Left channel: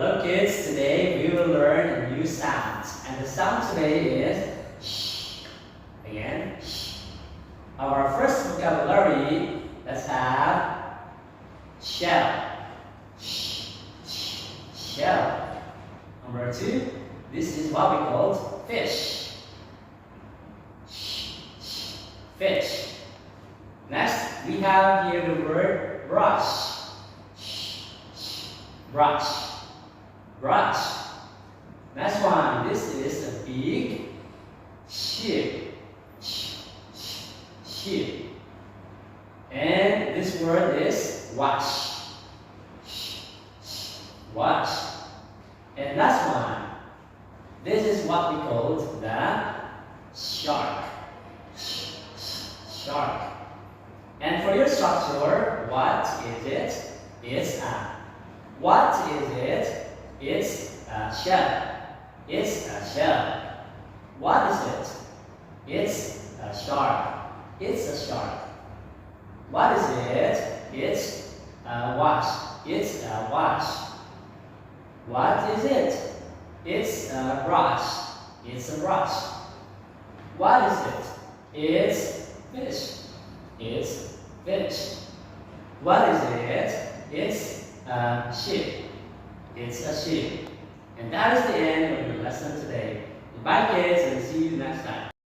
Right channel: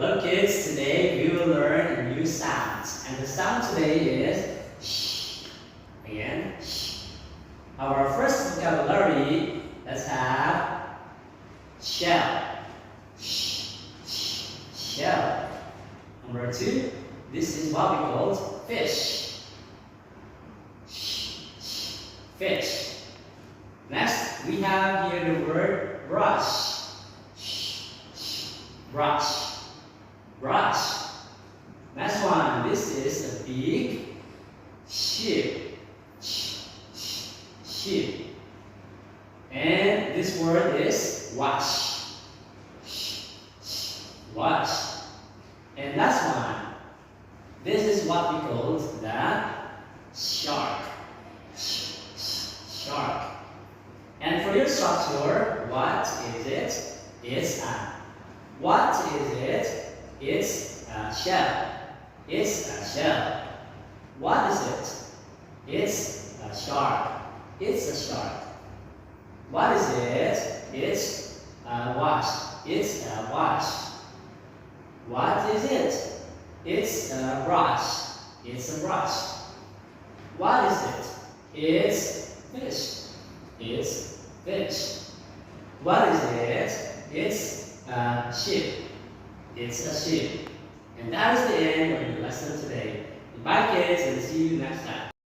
Hello kids, today we will learn a new sound. And the sound today is sh. Again, sh. Our first vocabulary, let's have shell. Sh, sh, shell. Number 2, this is what we call fish. Sh, sh, fish. Next, we have here the word brush. Sh, sh, brush. Brush. Next one, this is a big ship. Ship. And this word is wash. Wash. And last one, this is what we call the shark. Shark. And for your structure, what is it? It's a. What is it? It's a shell. It's a shell. What is it? It's a shark. It's a shark. What is it? It's a wash. It's a wash. What is it? It's a brush. It's a brush. What is it? It's fish. It's fish. What is it? It's a ship. It's a ship. And that is the end of your lesson today. Goodbye kids, and see you next time.